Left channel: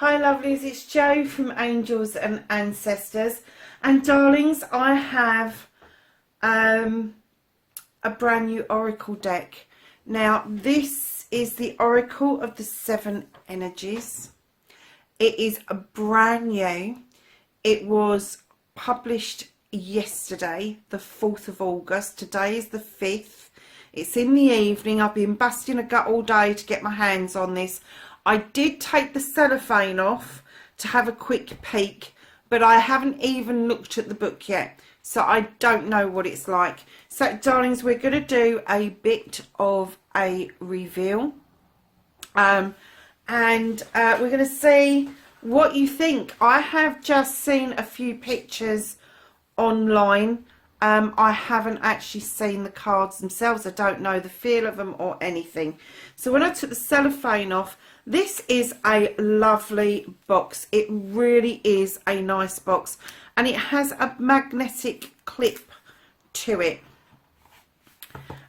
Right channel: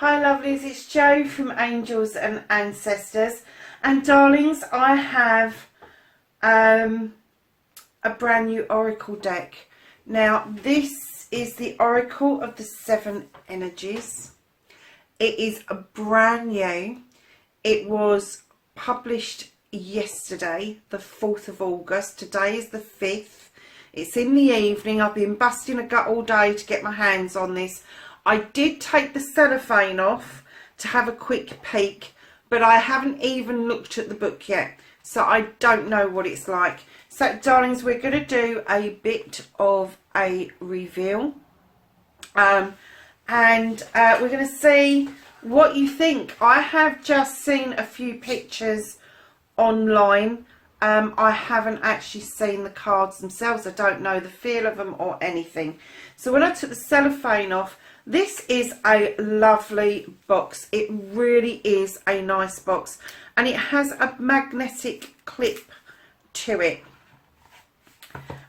Hi lovelies, it's Jo from Angels and Ancestors, and darlings, I have a brand new oracle deck. Now this is the Oracle of the Seven Energies. It is a brand new. It was published yesterday, the 4th of August. Today is the 5th. It's in the evening. I've been busting a gut all day to get my hands on this. I did take the cellophane off to have a quick peek, but I haven't even looked at the book yet, so I don't know what it's like. So darlings, we're going to do a bit of a reveal, and we're going to see what you think. I have just seen a few pictures online. I haven't actually seen the cards themselves. I don't know the feel of them or anything. So when I took the cellophane off, this is a lovely box. It really is a nice box, and it has a magnetic clip to it.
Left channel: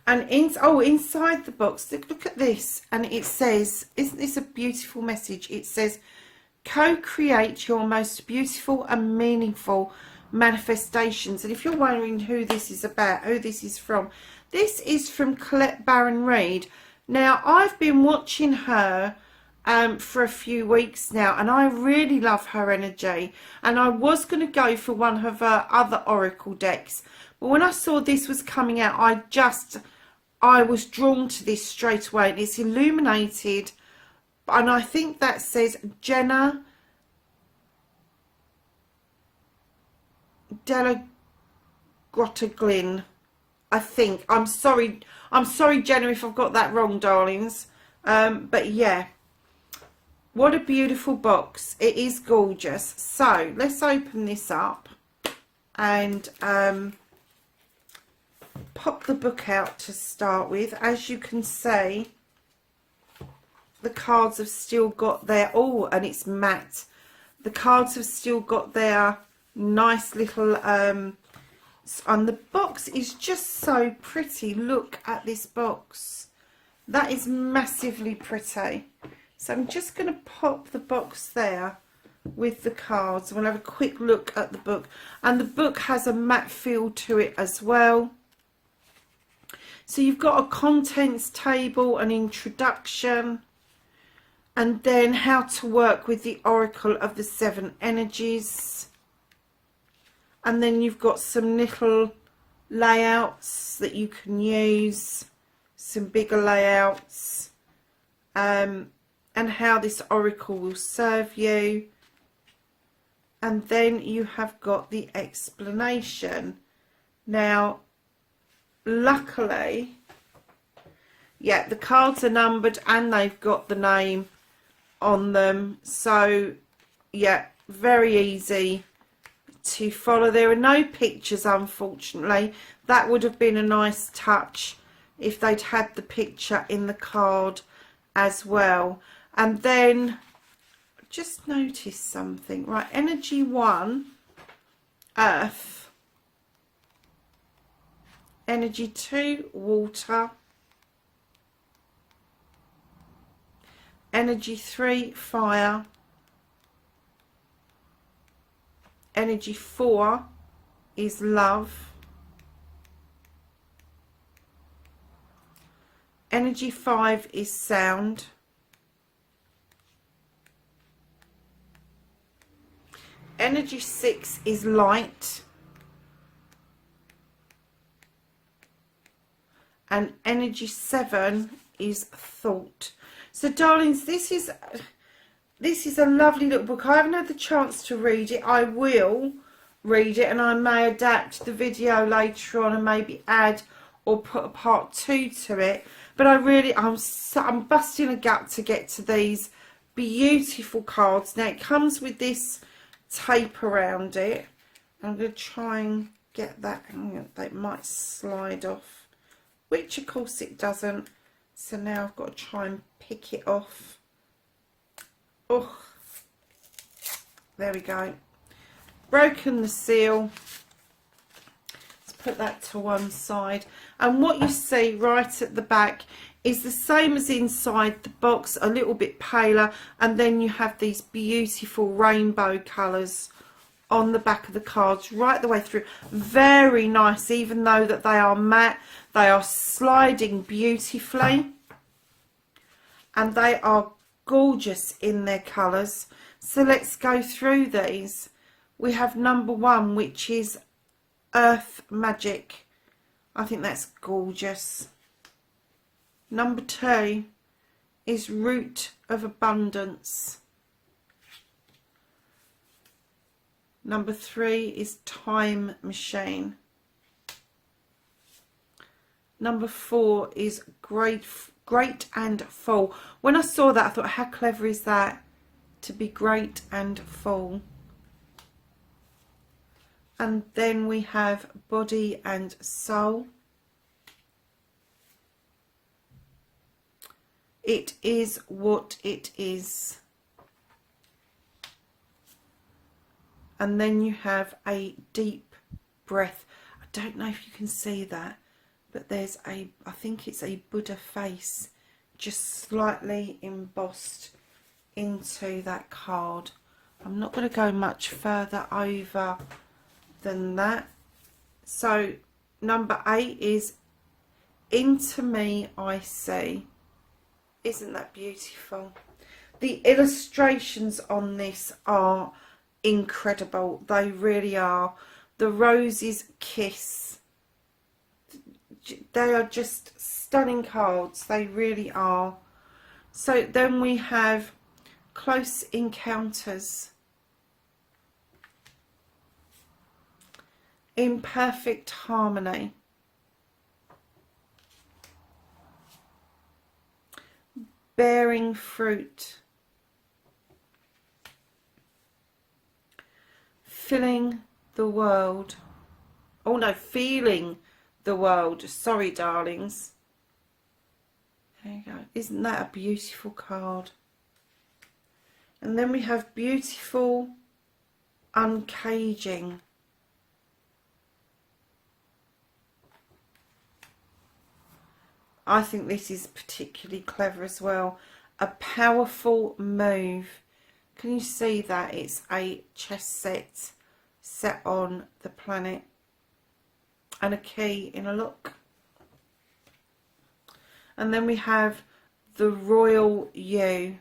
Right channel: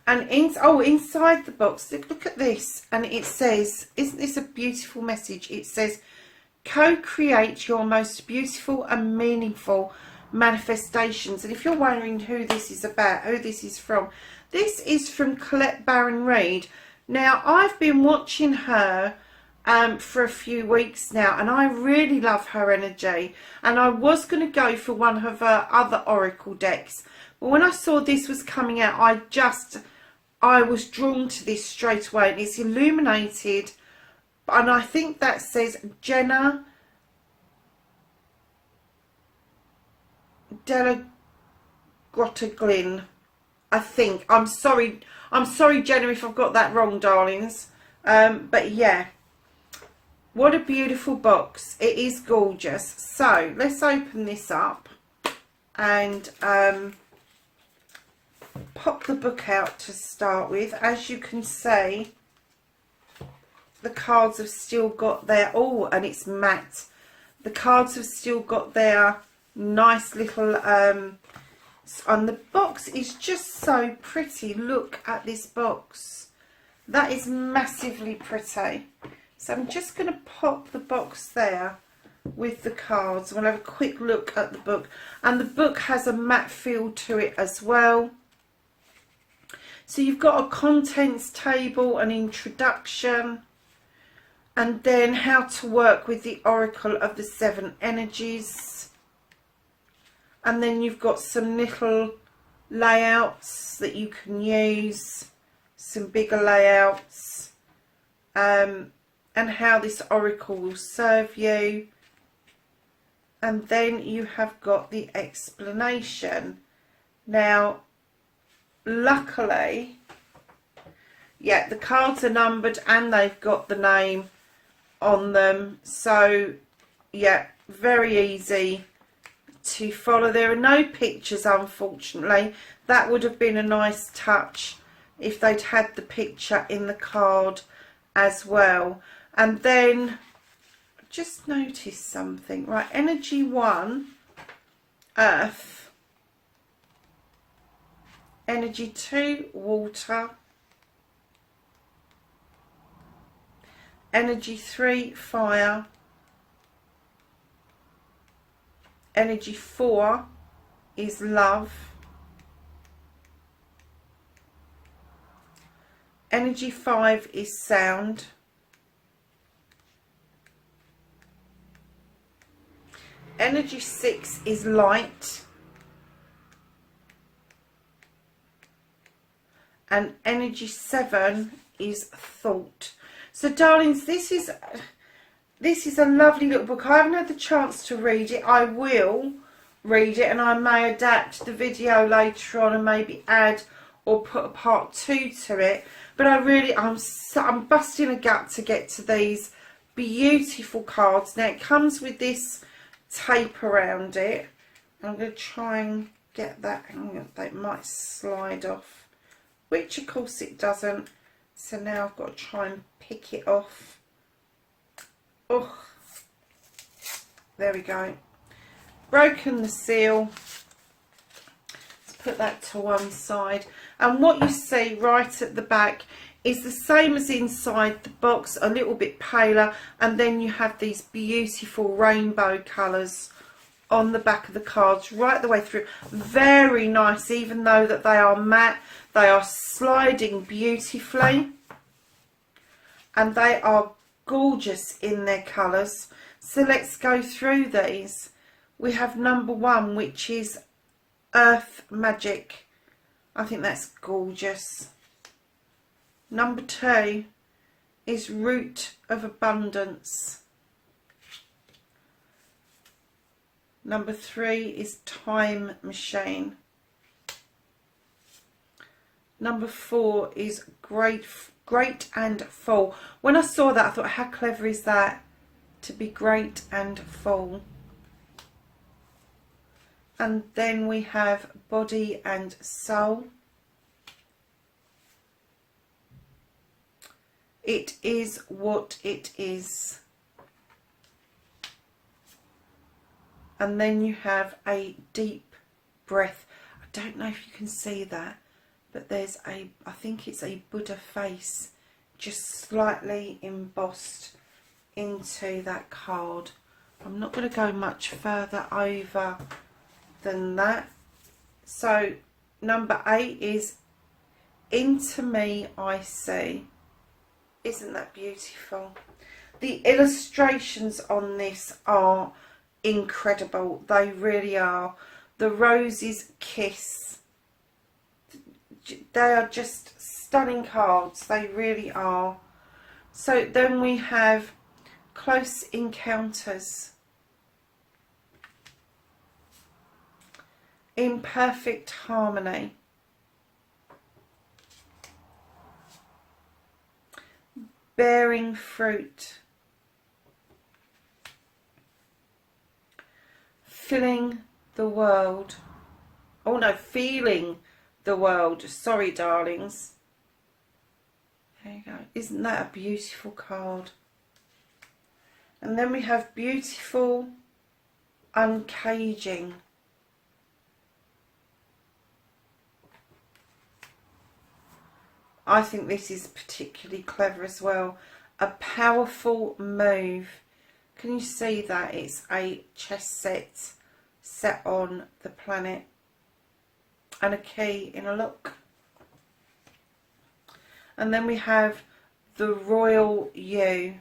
And inside the box, look at this, and it says, isn't this a beautiful message? It says, co-create your most beautiful and meaningful manifestations. And if you're wondering who this is about, who this is from Colette Reid. Now, I've been watching her for a few weeks now, and I really love her energy, and I was going to go for one of her other oracle decks, but when I saw this was coming out, I was drawn to this straight away. And it's illuminated, and I think that says Jenna Delagrottaglin. I think. I'm sorry Jenna if I've got that wrong, darlings, but yeah, what a beautiful box. It is gorgeous. So let's open this up and pop the book out to start with. As you can see, the cards have still got their, and it's matte. The cards have still got their nice little, and the box is just so pretty. Look at this box. That is massively pretty. So I'm just going to pop the box there with the cards. We'll have a quick look at the book. And the book has a matte feel to it as well. So you've got a contents table, an introduction, and then how to work with the Oracle of the Seven Energies. And then you've got some little layouts that you can use, some bigger layouts, and how this oracle will serve you. And then you have got the explanation. Now, luckily, yeah, the cards are numbered and they've got the name on them. So, yeah, very easy to follow. There are no pictures, unfortunately. That would have been a nice touch if they'd had the picture in the card as well. And then just notice something, right? Energy 1, earth. Energy 2, water. Energy 3, fire. Energy 4 is love. Energy 5 is sound. Energy 6 is light. And energy 7 is thought. So darlings, this is a lovely little book. I haven't had the chance to read it. I will read it, and I may adapt the video later on and maybe add or put a part 2 to it. But I'm busting a gut to get to these beautiful cards. Now it comes with this tape around it. I'm going to try and get that. That might slide off, which of course it doesn't. So now I've got to try and pick it off. Oh, there we go. Broken the seal. Let's put that to one side. And what you see right at the back is the same as inside the box, a little bit paler, and then you have these beautiful rainbow colours on the back of the cards right the way through. Very nice, even though that they are matte, they are sliding beautifully, and they are gorgeous in their colours. So let's go through these. We have number 1, which is Earth Magic. I think that's gorgeous. Number 2 is Root of Abundance. Number 3 is Time Machine. Number 4 is Great and Full. When I saw that, I thought, how clever is that, to be great and full. And then we have Body and Soul. It is what it is. And then you have a Deep Breath. I don't know if you can see that, but there's I think it's a Buddha face just slightly embossed into that card. I'm not going to go much further over than that. So number 8 is Into Me I See. Isn't that beautiful? The illustrations on this are incredible. They really are. The Rose's Kiss. They are just stunning cards. They really are. So then we have Close Encounters. In Perfect Harmony. Bearing Fruit. Filling the World. Oh no, Feeling the World. Sorry, darlings. There you go. Isn't that a beautiful card? And then we have Beautiful Uncaging. I think this is particularly clever as well. A Powerful Move. Can you see that? It's a chess set on the planet. And a key in a lock. And then we have the Royal You.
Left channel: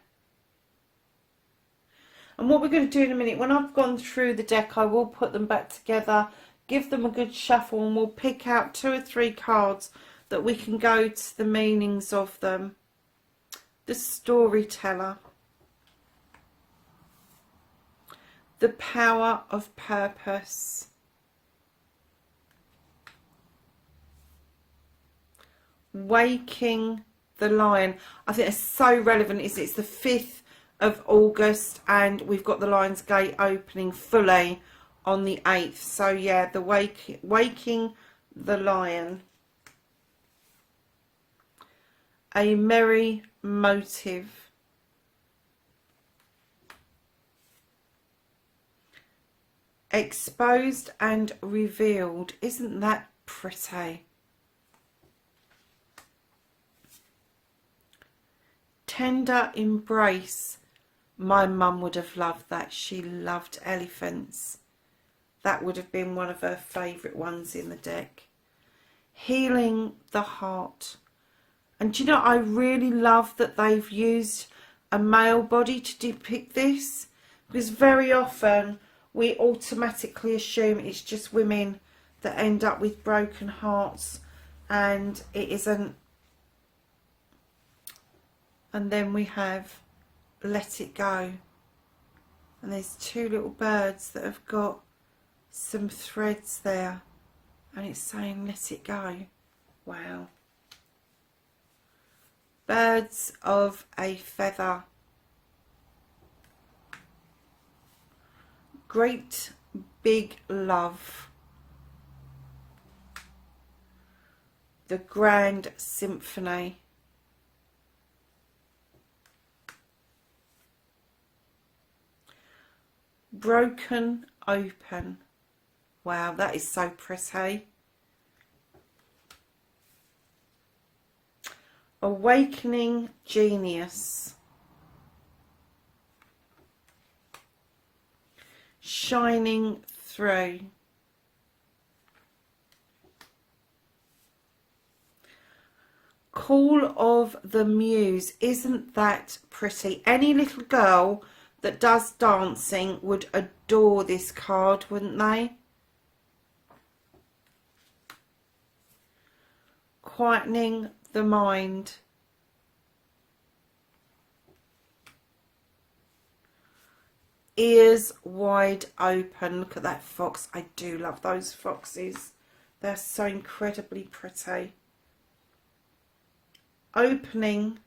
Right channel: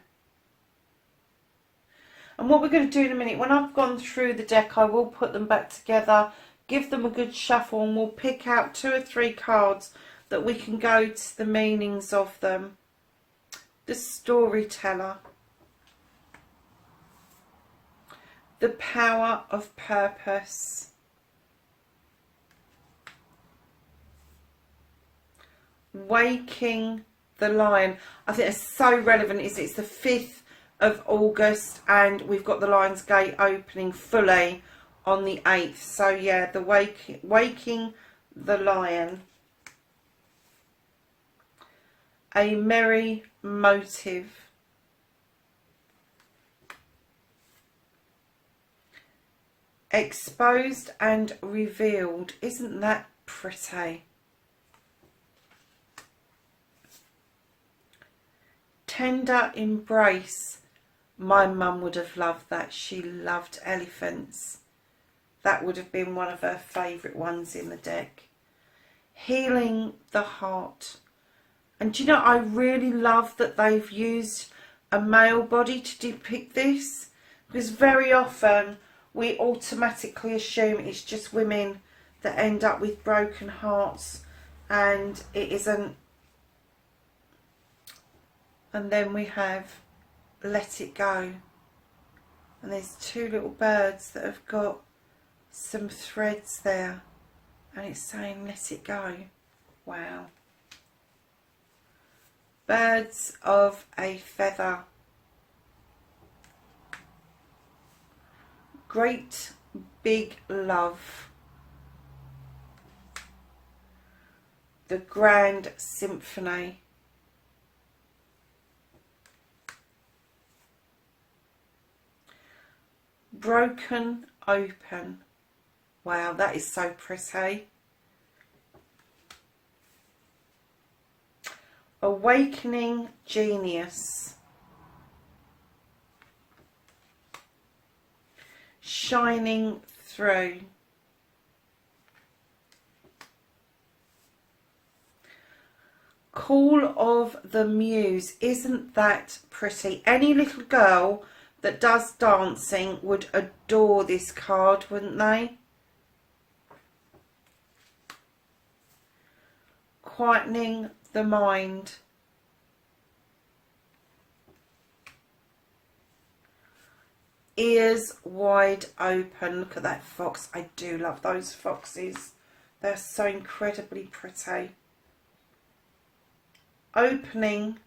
And what we're going to do in a minute, when I've gone through the deck, I will put them back together, give them a good shuffle, and we'll pick out 2 or 3 cards that we can go to the meanings of them. The Storyteller. The Power of Purpose. Waking the Lion. I think it's so relevant. It's the 5th of August and we've got the Lion's Gate opening fully on the 8th. So yeah, the Waking the Lion. A Merry Motive. Exposed and Revealed. Isn't that pretty? Tender Embrace. My mum would have loved that. She loved elephants. That would have been one of her favourite ones in the deck. Healing the Heart. And do you know, I really love that they've used a male body to depict this, because very often we automatically assume it's just women that end up with broken hearts, and it isn't. And then we have Let It Go. And there's 2 little birds that have got some threads there, and it's saying let it go. Wow. Birds of a Feather. Great Big Love. The Grand Symphony. Broken Open. Wow, that is so pretty. Awakening Genius, Shining Through, Call of the Muse. Isn't that pretty? Any little girl that does dancing would adore this card, wouldn't they? Quietening the Mind, Ears Wide Open. Look at that fox. I do love those foxes. They're so incredibly pretty. Opening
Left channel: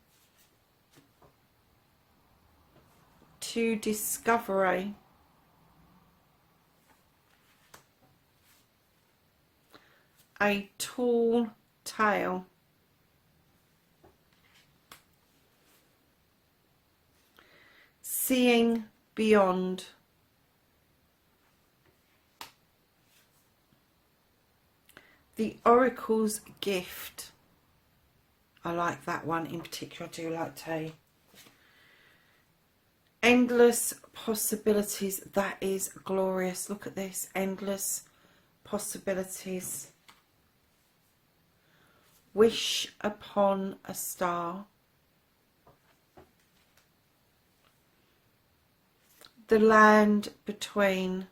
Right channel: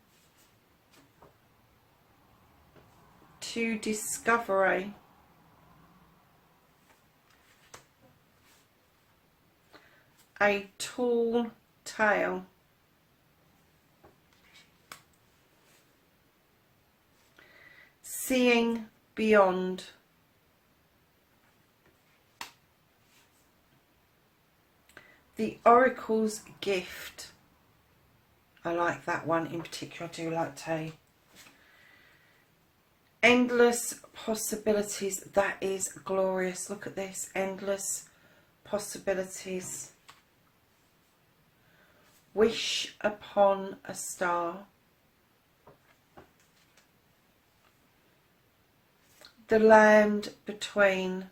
to Discovery. A Tall Tale. Seeing Beyond. The Oracle's Gift. I like that one in particular. I do like tea. Endless Possibilities. That is glorious. Look at this. Endless Possibilities. Wish Upon a Star. The Land Between.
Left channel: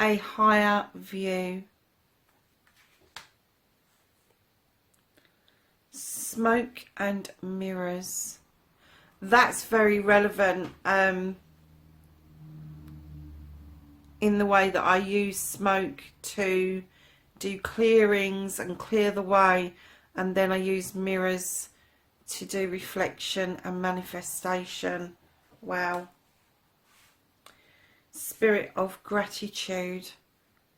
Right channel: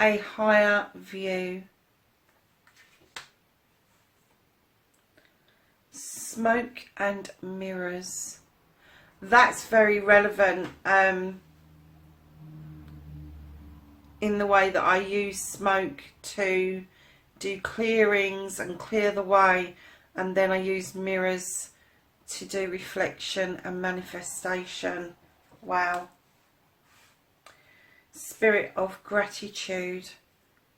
A Higher View. Smoke and Mirrors. That's very relevant in the way that I use smoke to do clearings and clear the way, and then I use mirrors to do reflection and manifestation. Wow. Spirit of Gratitude.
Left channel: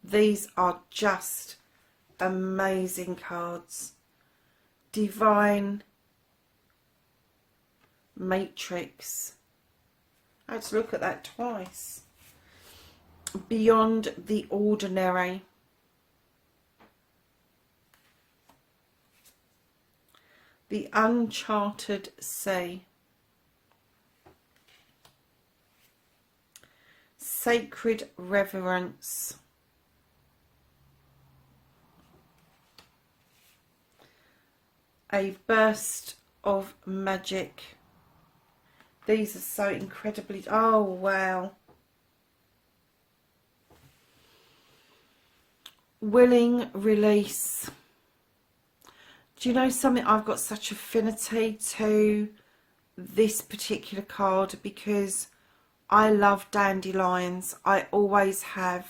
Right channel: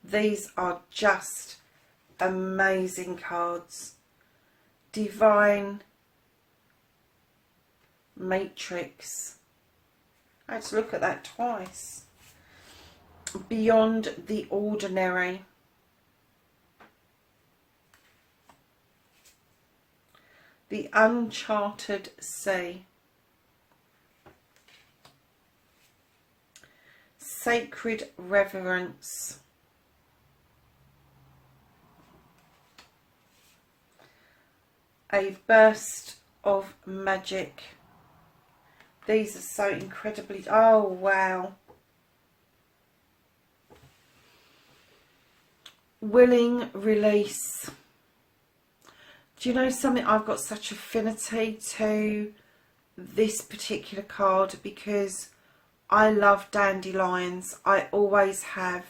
These are just amazing cards. Divine Matrix. I had to look at that twice. Beyond the Ordinary. The Uncharted Sea. Sacred Reverence. A Burst of Magic. These are so incredibly... Oh, wow. Willing Release. Do you know something? I've got such affinity to this particular card because I love dandelions. I always have.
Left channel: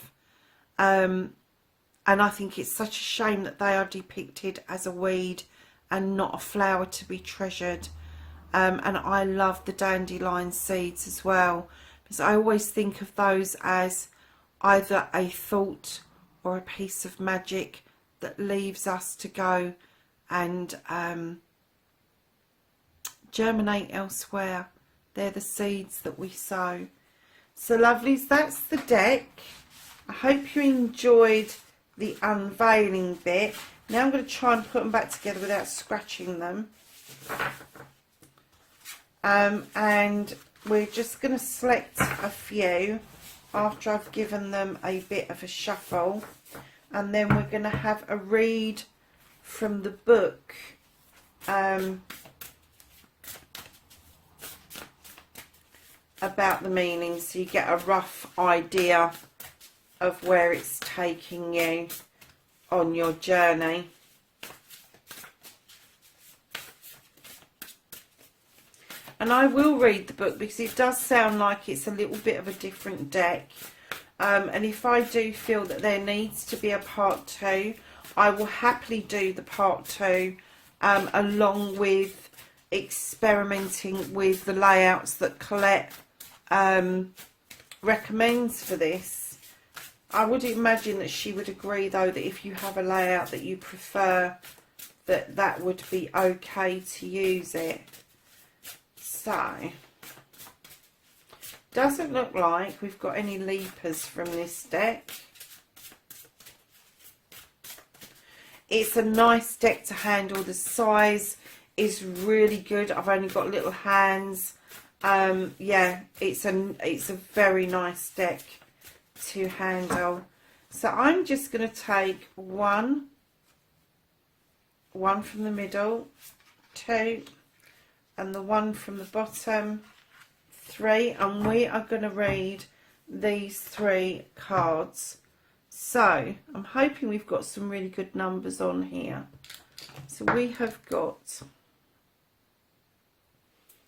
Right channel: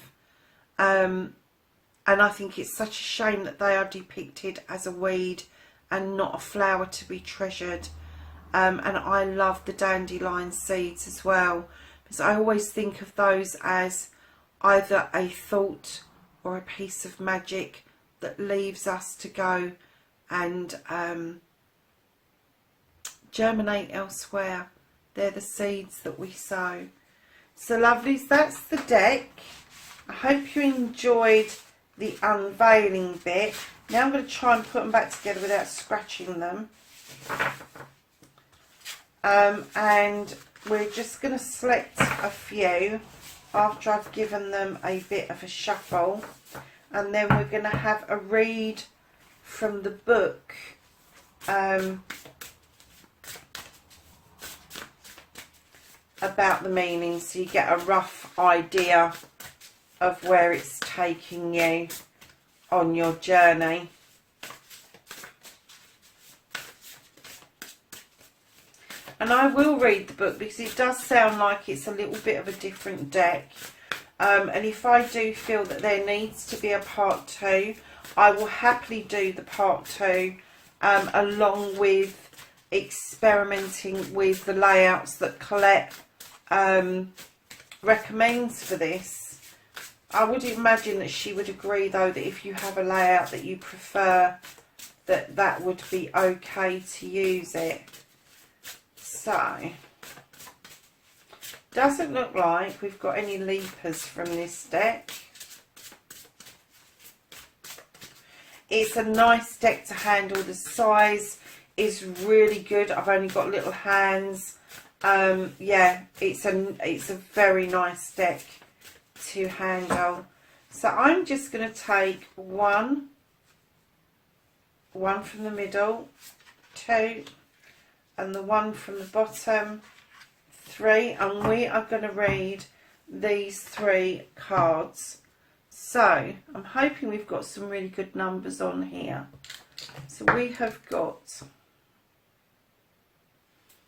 And I think it's such a shame that they are depicted as a weed and not a flower to be treasured. And I love the dandelion seeds as well, because I always think of those as either a thought or a piece of magic that leaves us to go and germinate elsewhere. They're the seeds that we sow. So lovelies, that's the deck. I hope you enjoyed the unveiling bit. Now I'm going to try and put them back together without scratching them. And we're just going to select a few after I've given them a bit of a shuffle. And then we're going to have a read from the book. About the meaning, so you get a rough idea of where it's taking you on your journey. And I will read the book because it does sound like it's a little bit of a different deck. And if I do feel that there needs to be a part 2, I will happily do the part 2 along with experimenting with the layouts that Colette recommends for this. I would imagine that she would agree though that if you have a layout that you prefer, that would be okay to use it. So, doesn't look like we've got any leapers from this deck. It's a nice deck to handle. The size is really good. I've only got little hands. Yeah, it's a very nice deck to handle. So I'm just going to take one from the middle, 2, and the one from the bottom, 3, and we are going to read these 3 cards. So I'm hoping we've got some really good numbers on here. So we have got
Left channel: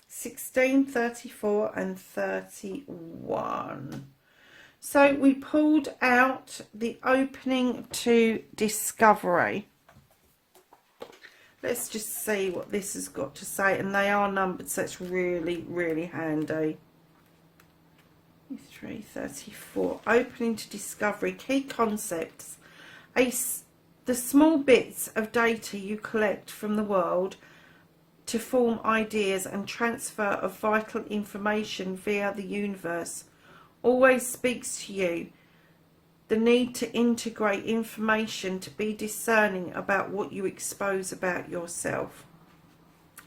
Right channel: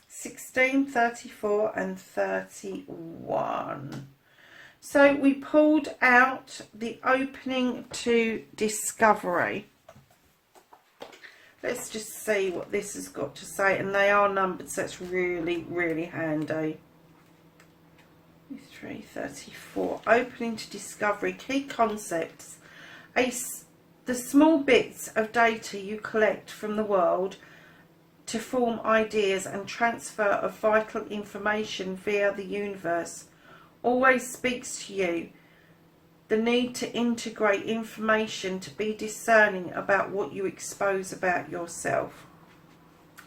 16, 34 and 31. So we pulled out the opening to discovery. Let's just see what this has got to say. And they are numbered, so it's really, really handy. 3, 34. Opening to discovery. Key concepts. The small bits of data you collect from the world to form ideas and transfer of vital information via the universe always speaks to you. The need to integrate information to be discerning about what you expose about yourself.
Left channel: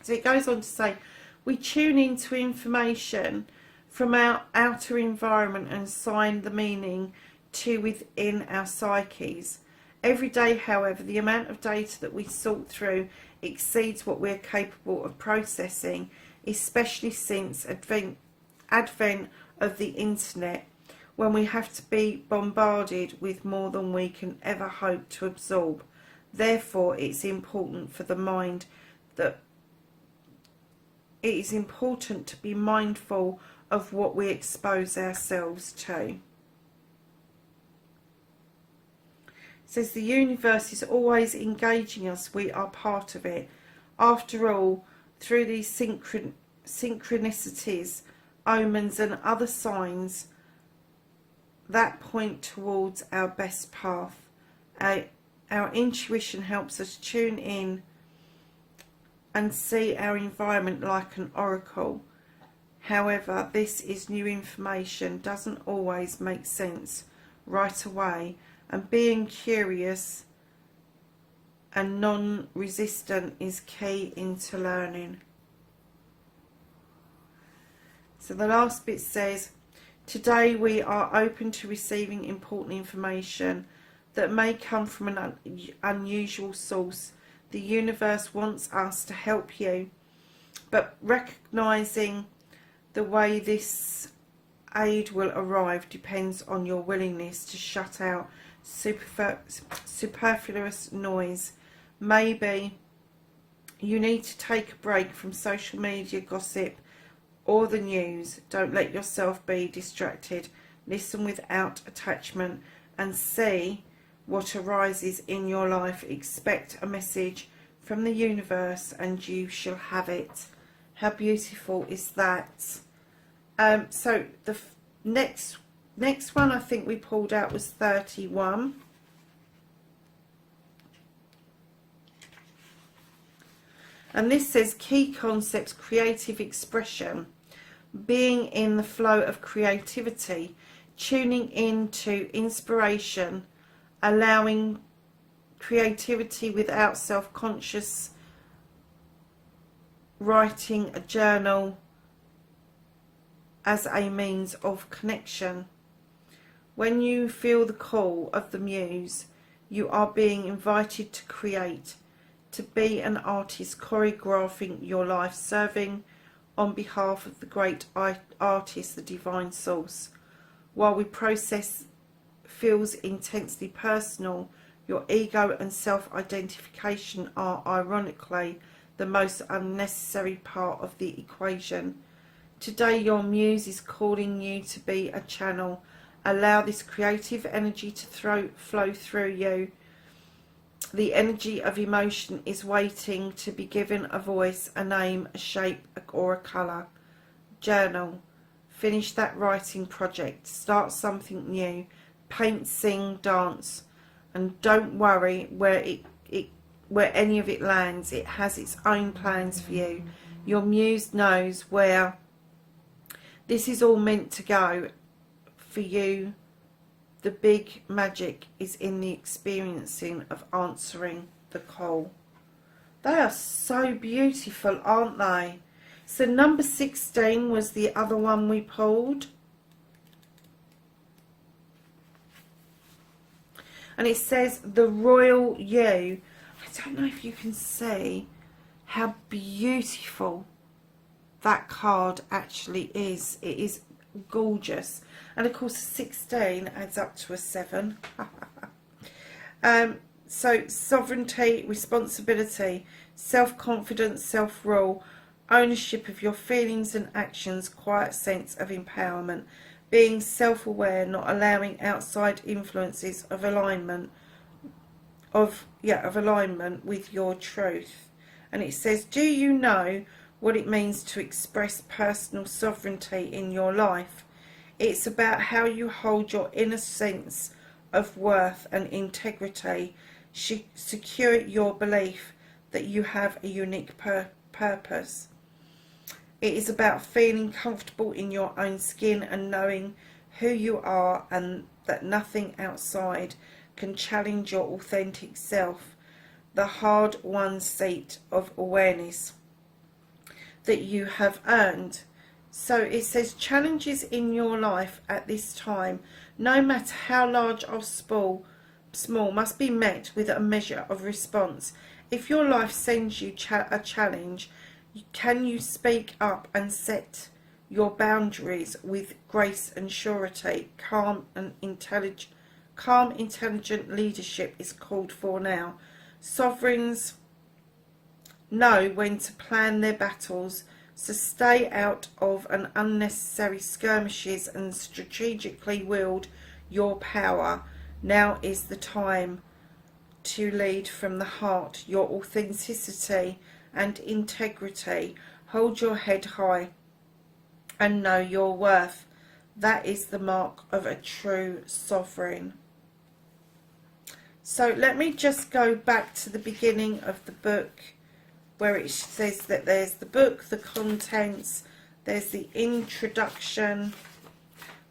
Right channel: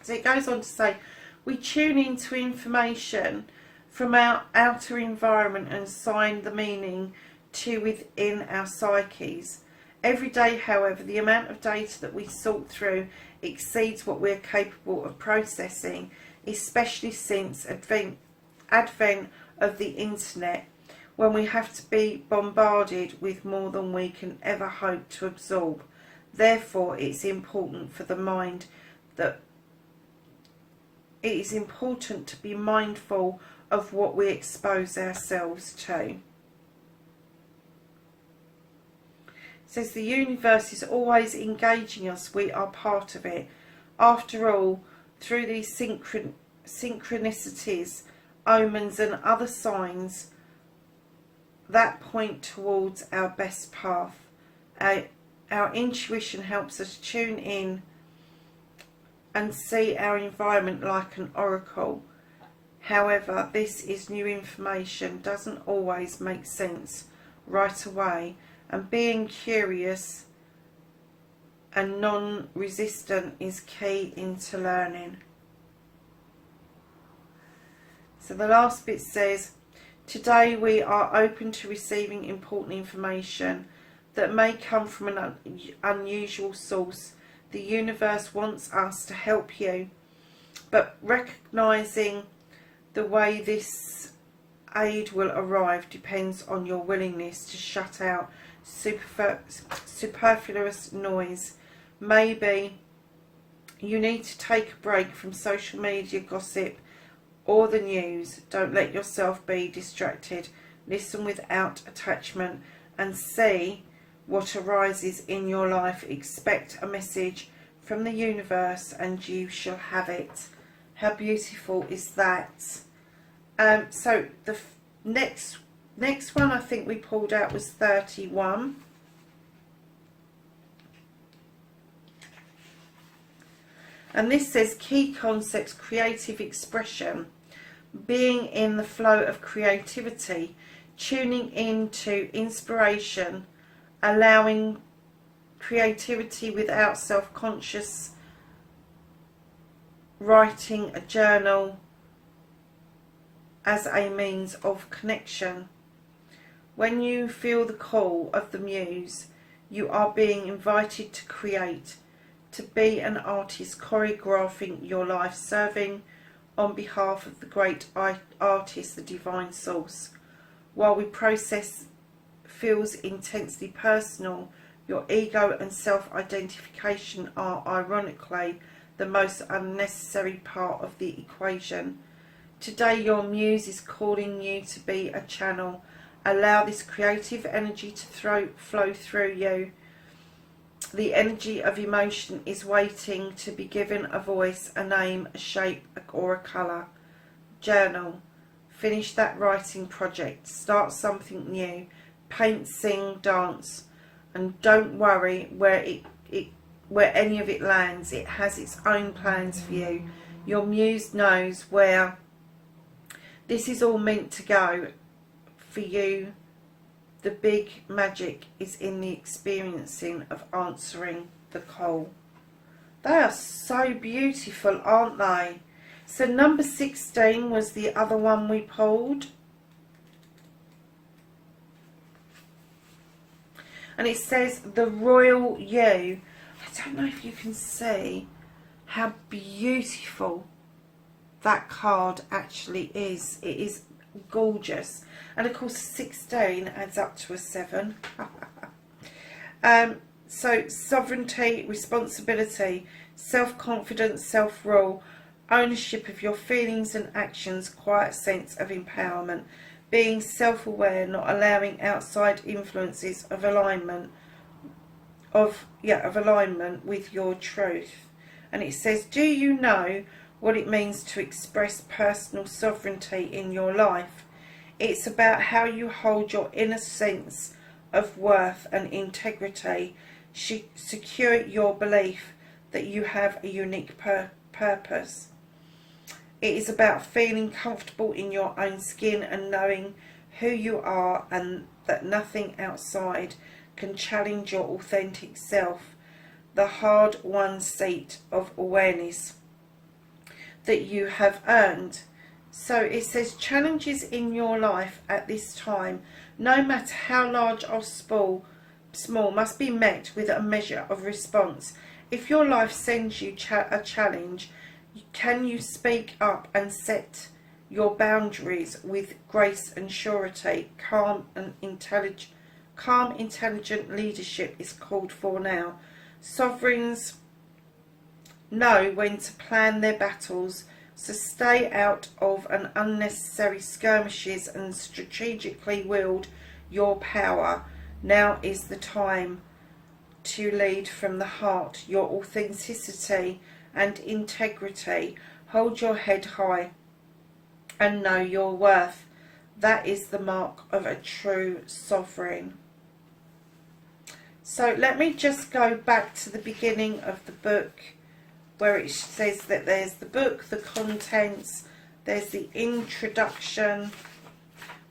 So it goes on to say, we tune into information from our outer environment and assign the meaning to within our psyches. Every day, however, the amount of data that we sort through exceeds what we're capable of processing, especially since advent of the internet, when we have to be bombarded with more than we can ever hope to absorb. Therefore, it's important for the mind that it is important to be mindful of what we expose ourselves to. It says the universe is always engaging us. We are part of it. After all, through these synchronicities, omens and other signs that point towards our best path. Our intuition helps us tune in and see our environment like an oracle. However, this is new information, doesn't always make sense right away, and being curious and non-resistant is key into learning. So the last bit says, today we are open to receiving important information that may come from an unusual source. The universe wants us to help you, but recognizing the way this aid will arrive depends on your willingness to shut out superfluous noise. Maybe you need to take a break from social media gossip or the news. Don't let yourself be distracted. Listen without attachment and see what arises in your life. Expect a message from the universe and you shall have it. How beautiful is that? So the next one I think we pulled out was 31. And this says key concepts, creative expression, being in the flow of creativity, tuning into inspiration, allowing creativity without self-conscious, writing a journal as a means of connection. When you feel the call of the muse, you are being invited to create, to be an artist, choreographing your life, serving on behalf of the great artist, the divine source. While we process feels intensely personal, your ego and self-identification are ironically the most unnecessary part of the equation. Today your muse is calling you to be a channel. Allow this creative energy to flow through you. The energy of emotion is waiting to be given a voice, a name, a shape, or a colour. Journal. Finish that writing project. Start something new. Paint, sing, dance. And don't worry where any of it lands. It has its own plans for you. Your muse knows where this is all meant to go for you. The big magic is in the experiencing of answering the call. They are so beautiful, aren't they? So number 16 was the other one we pulled. And it says the royal you. I don't know if you can see how beautiful that card actually is. It is gorgeous. And of course 16 adds up to a 7. So sovereignty, responsibility, self-confidence, self-rule, ownership of your feelings and actions, quiet sense of empowerment, being self-aware, not allowing outside influences of alignment with your truth. And it says, do you know what it means to express personal sovereignty in your life? It's about how you hold your inner sense of worth and integrity, secure your belief that you have a unique purpose. It is about feeling comfortable in your own skin and knowing who you are, and that nothing outside can challenge your authentic self. The hard-won seat of awareness that you have earned. So it says challenges in your life at this time, no matter how large or small, must be met with a measure of response. If your life sends you a challenge, can you speak up and set your boundaries with grace and surety? Calm, intelligent leadership is called for now. Sovereigns know when to plan their battles, so stay out of an unnecessary skirmishes and strategically wield your power. Now is the time to lead from the heart, your authenticity and integrity. Hold your head high and know your worth. That is the mark of a true sovereign. So let me just go back to the beginning of the book, where it says that there's the book, the contents, there's the introduction,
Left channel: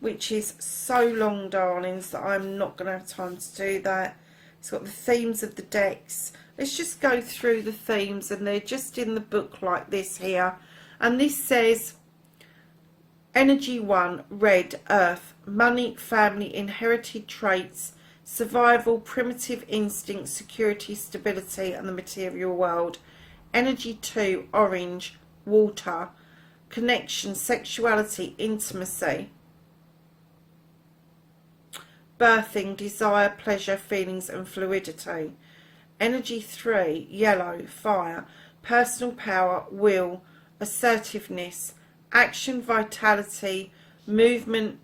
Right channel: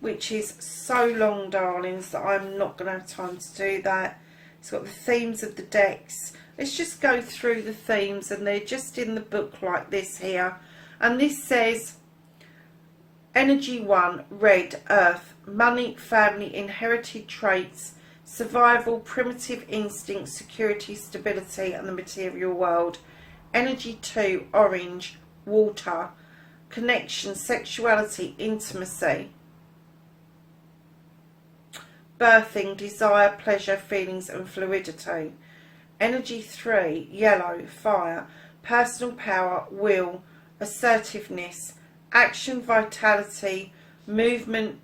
which is so long, darlings, that I'm not going to have time to do that. It's got the themes of the decks. Let's just go through the themes, and they're just in the book like this here. And this says, Energy 1, Red, Earth, money, family, inherited traits, survival, primitive instincts, security, stability, and the material world. Energy 2, Orange, Water, connection, sexuality, intimacy, birthing, desire, pleasure, feelings, and fluidity. Energy 3, Yellow, Fire, personal power, will, assertiveness, action, vitality, movement,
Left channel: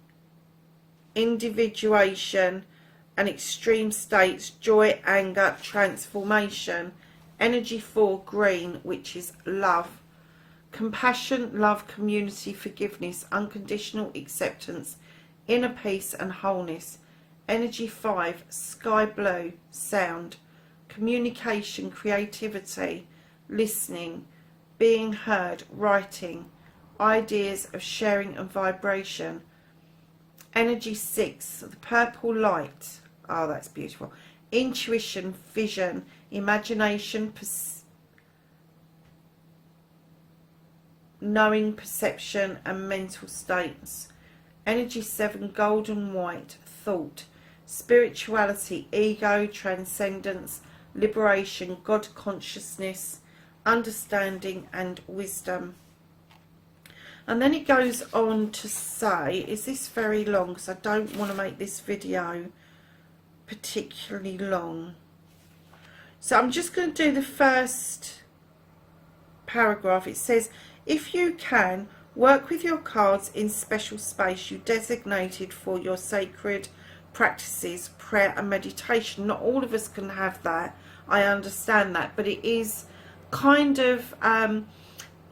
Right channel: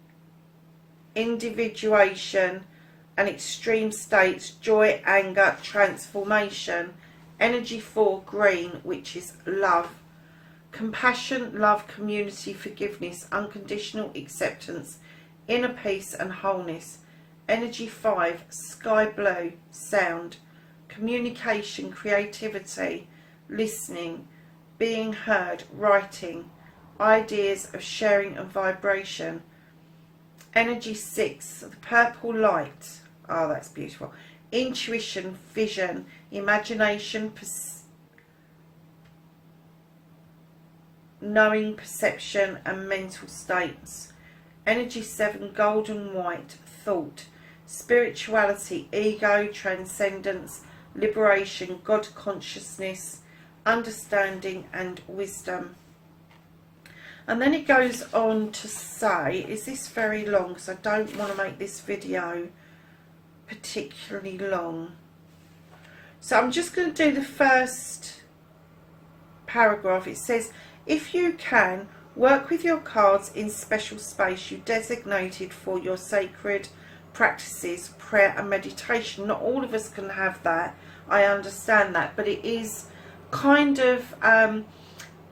individuation, and extreme states, joy, anger, transformation. Energy 4, Green, which is love, compassion, love, community, forgiveness, unconditional acceptance, inner peace and wholeness. Energy 5, Sky Blue, sound, communication, creativity, listening, being heard, writing, ideas of sharing and vibration. Energy 6, the purple light. Oh, that's beautiful. Intuition, vision, imagination, knowing, perception, and mental states. Energy 7, golden white, thought, spirituality, ego, transcendence, liberation, God consciousness, understanding, and wisdom. And then it goes on to say, is this very long? Because I don't want to make this video particularly long. So I'm just going to do the first paragraph. It says, if you can, work with your cards in special space you designated for your sacred practices, prayer and meditation. Not all of us can have that. I understand that. But it is kind of...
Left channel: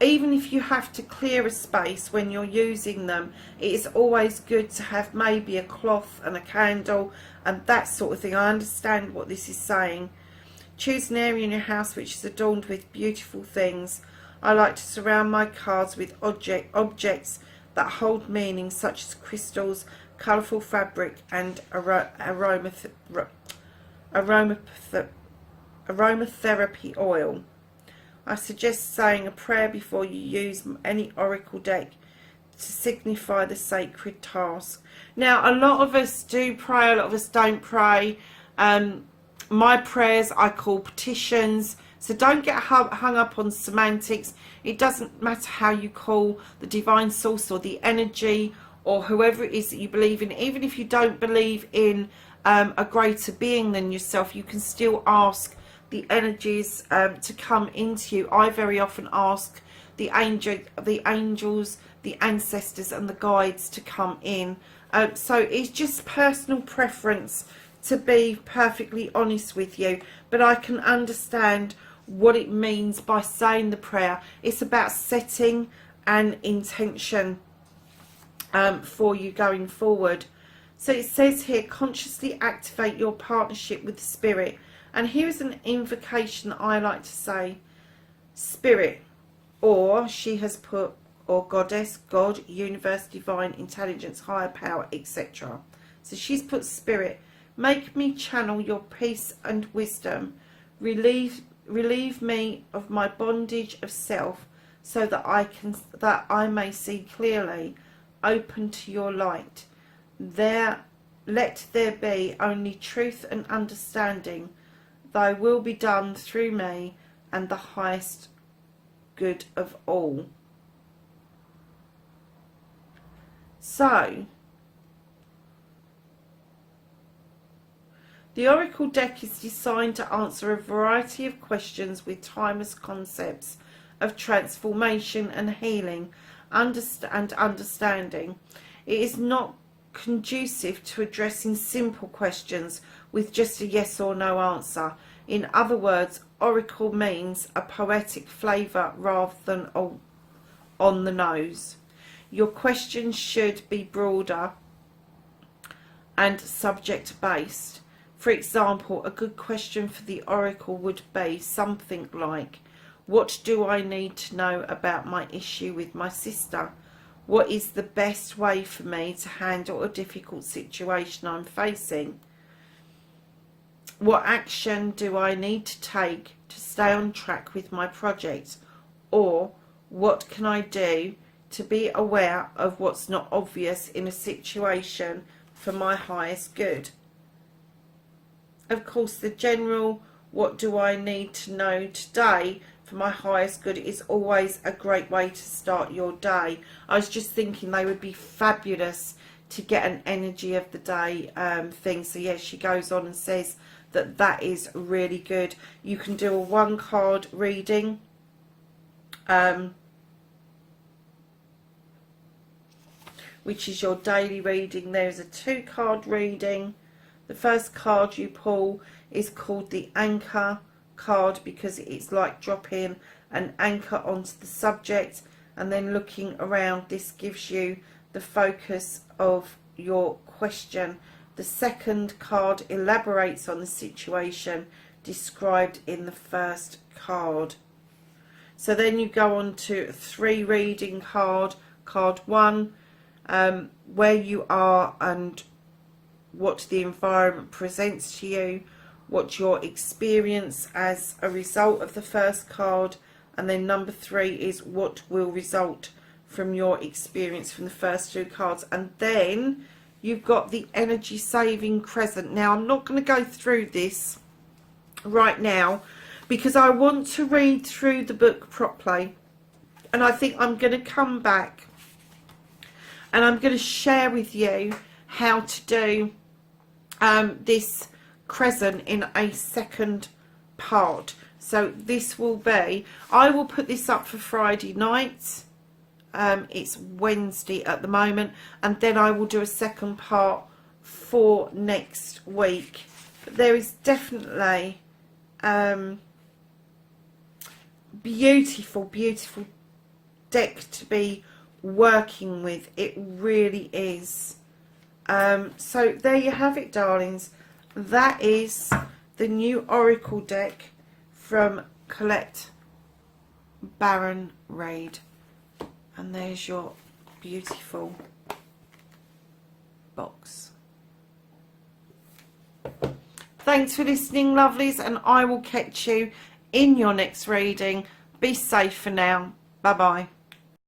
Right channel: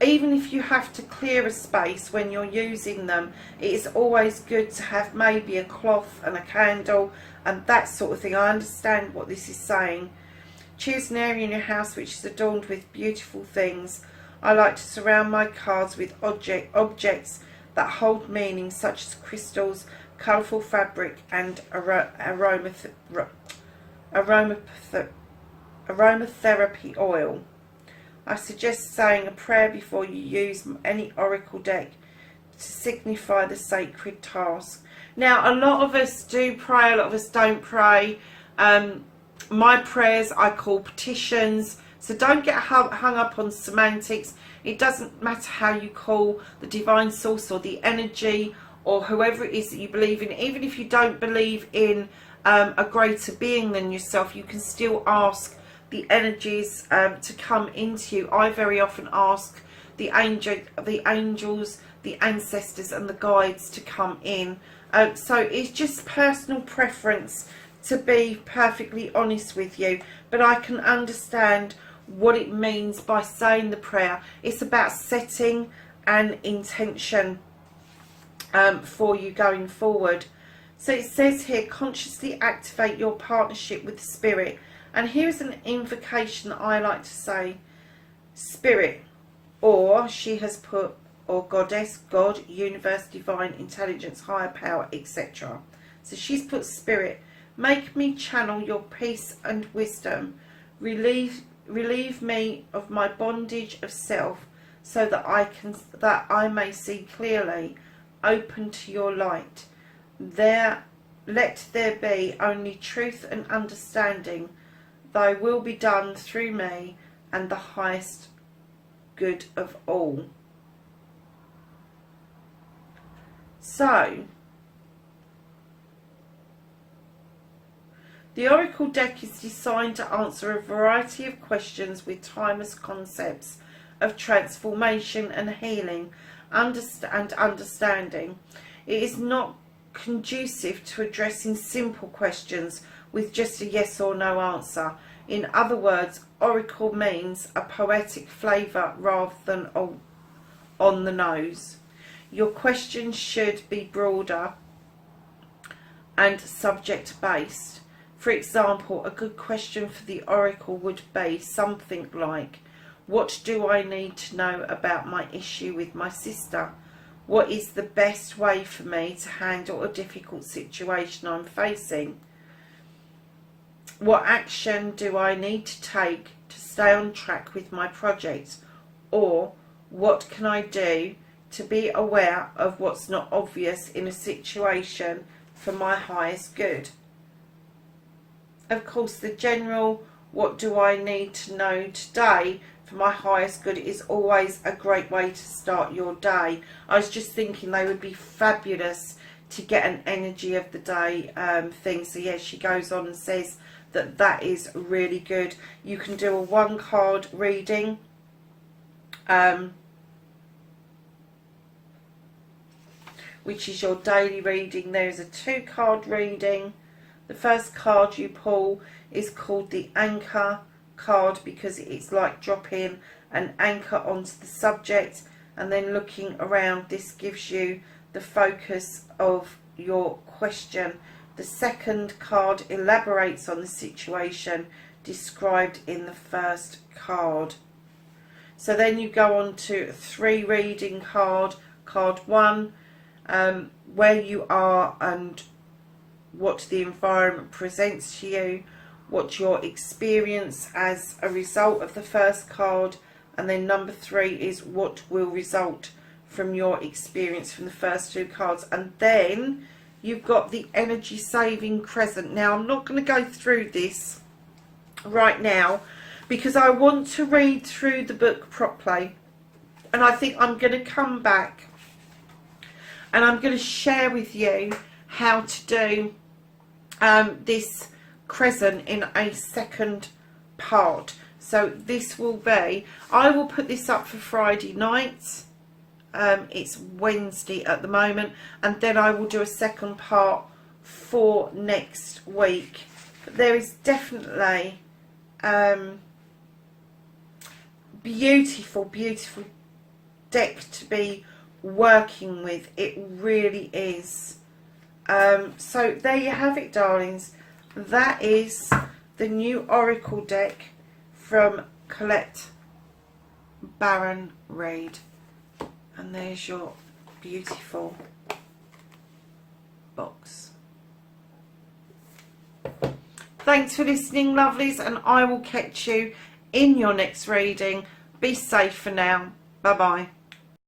even if you have to clear a space when you're using them, it is always good to have maybe a cloth and a candle and that sort of thing. I understand what this is saying. Choose an area in your house which is adorned with beautiful things. I like to surround my cards with objects that hold meaning, such as crystals, colourful aromatherapy oil. I suggest saying a prayer before you use any oracle deck to signify the sacred task. Now, a lot of us do pray, a lot of us don't pray. My prayers I call petitions, so don't get hung up on semantics. It doesn't matter how you call the divine source or the energy or whoever it is that you believe in. Even if you don't believe in a greater being than yourself, you can still ask the energies to come into you. I very often ask the angels, the ancestors and the guides to come in. So it's just personal preference, to be perfectly honest with you, but I can understand what it means by saying the prayer. It's about setting an intention for you going forward. So it says here, consciously activate your partnership with the spirit. And here's an invocation that I like to say: spirit, or she has put, or goddess, God, universe, divine, intelligence, higher power, etc. So she's put spirit. Make me channel your peace and wisdom. Relieve me of my bondage of self, so that I may see clearly. Open to your light. Let there be only truth and understanding. Thy will be done through me, and the highest good of all. So, the Oracle deck is designed to answer a variety of questions with timeless concepts of transformation and healing and understanding. It is not conducive to addressing simple questions with just a yes or no answer. In other words, Oracle means a poetic flavour rather than on the nose. Your questions should be broader and subject based. For example, a good question for the Oracle would be something like, what do I need to know about my issue with my sister? What is the best way for me to handle a difficult situation I'm facing? What action do I need to take to stay on track with my project? Or what can I do to be aware of what's not obvious in a situation for my highest good? Of course, the general, what do I need to know today for my highest good, is always a great way to start your day. I was just thinking they would be fabulous to get an energy of the day thing. So yes, she goes on and says that is really good. You can do a 1 card reading. Which is your daily reading. There is a 2 card reading. The first card you pull is called the anchor card because it's like dropping an anchor onto the subject and then looking around. This gives you the focus of your question. The second card elaborates on the situation described in the first card. So then you go on to a 3 reading card. Card 1, where you are and what the environment presents to you, what your experience as a result of the first card, and then number 3 is what will result from your experience from the first 2 cards. And then you've got the energy saving crescent. Now I'm not going to go through this right now because I want to read through the book properly, and I think I'm going to come back and I'm going to share with you how to do this crescent in a second part. So this will be, I will put this up for Friday night. It's Wednesday at the moment, and then I will do a second part for next week. But there is definitely beautiful deck to be working with. It really is. So there you have it, darlings. That is the new Oracle deck from Colette Baron Reid. And there's your beautiful box. Thanks for listening, lovelies, and I will catch you in your next reading. Be safe for now. Bye bye.